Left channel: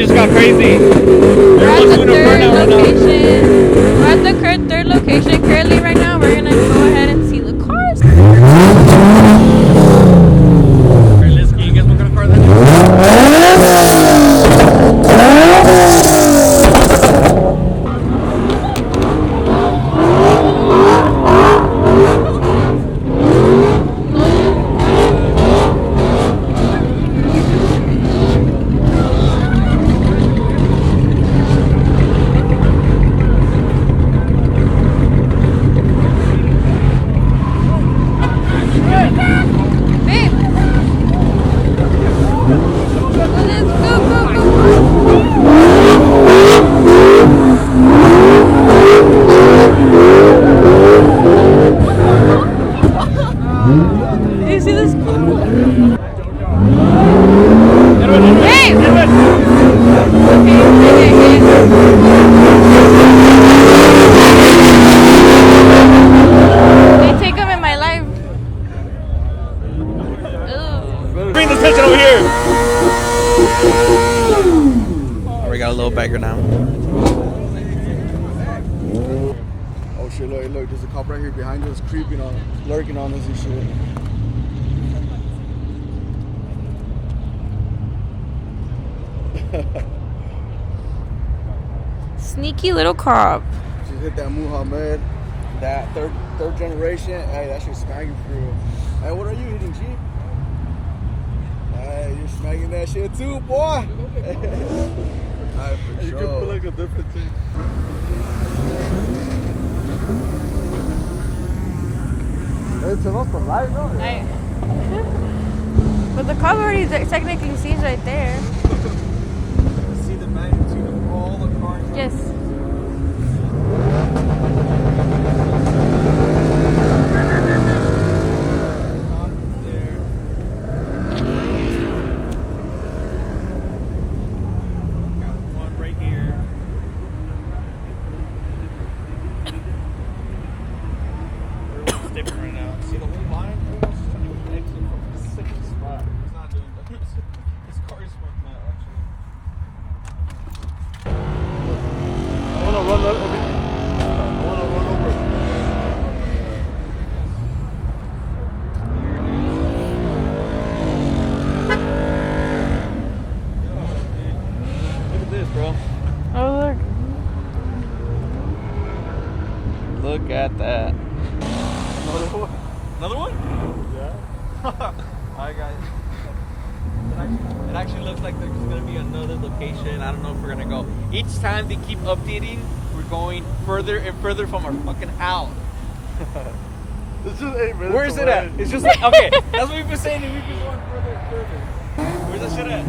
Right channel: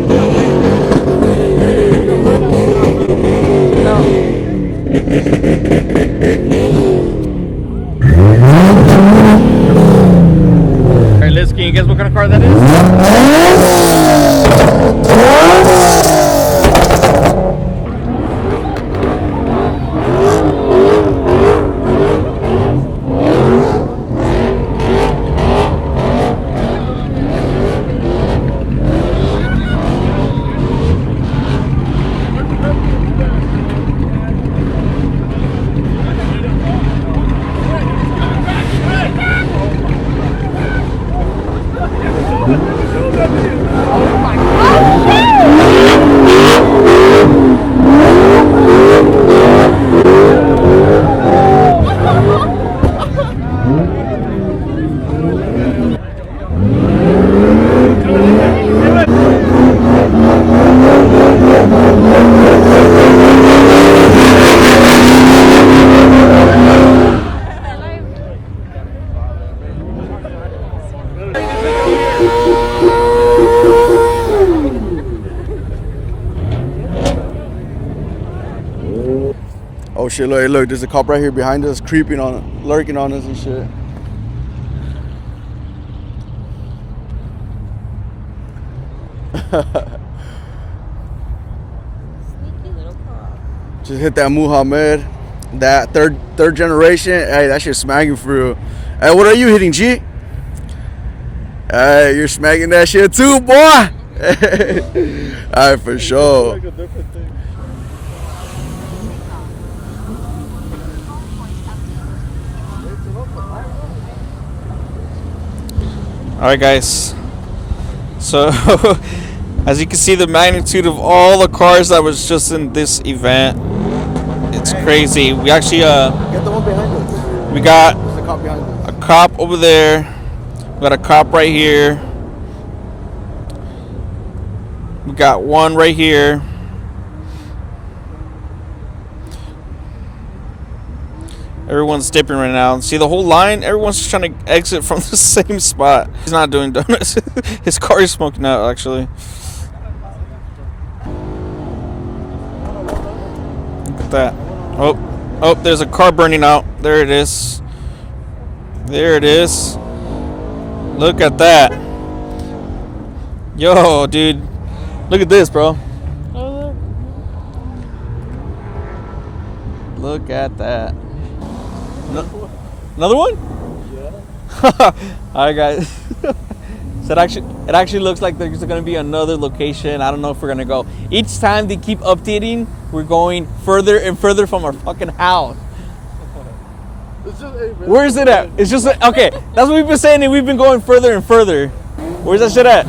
just got crazy. We're at the third location. We're at the third location currently right now. We're gonna go ahead and see the cars. Alright, Liz, can you guess what kind of car that is? Oh shit, look, there's a cop right here behind us, creeping on, lurking on us and shit. Sneaky little cop. Just hit that Muhammad, that third generation. Hey, that shit's smacking for real. Hey, what are you hitting, G? Hey, you're smacking that shit too, boy. Alright, for sure. Alright, guys. Technically sees right there. So, as you can see, the magnitude of all the cars that was just in this event, it's crazy. We actually, we got a cop over there. We got a cop right here. We got one right here. Everyone's dipping right now. See the whole line? Everyone's just trying to exit from the same spot. He's not doing donuts. His car is smoking out, actually. Look at that. Oh, there's a car burning out. There it is. There it is. Look at that. Yo, dude. Look at this, bro. Oh, look at that. Another one? Yeah. Alright, guys. So it actually looks like there's gonna be another location. I don't know if we're gonna go. Each time they keep updating, we're going further and further from our fucking house. Where is it at? It's just like, okay, that's what we've been saying, and we've been going further and further. Where's that shit at?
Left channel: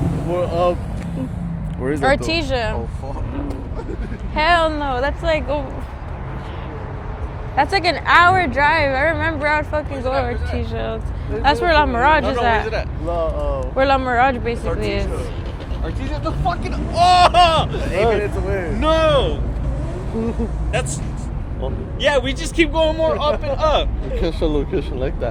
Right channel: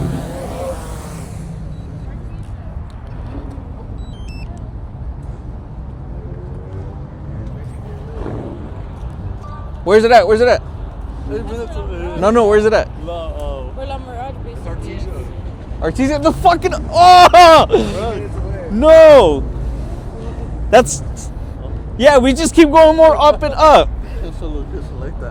Where is that? Artesia. Oh, fuck. Hell no, that's like that's like an hour drive. I remember I would fucking. Where's it at? Where's it at? That's where La Mirage. No, where's it at? Where La Mirage basically is. Artesia, the fucking no. That's yeah. We just keep going more up and up. Location like that.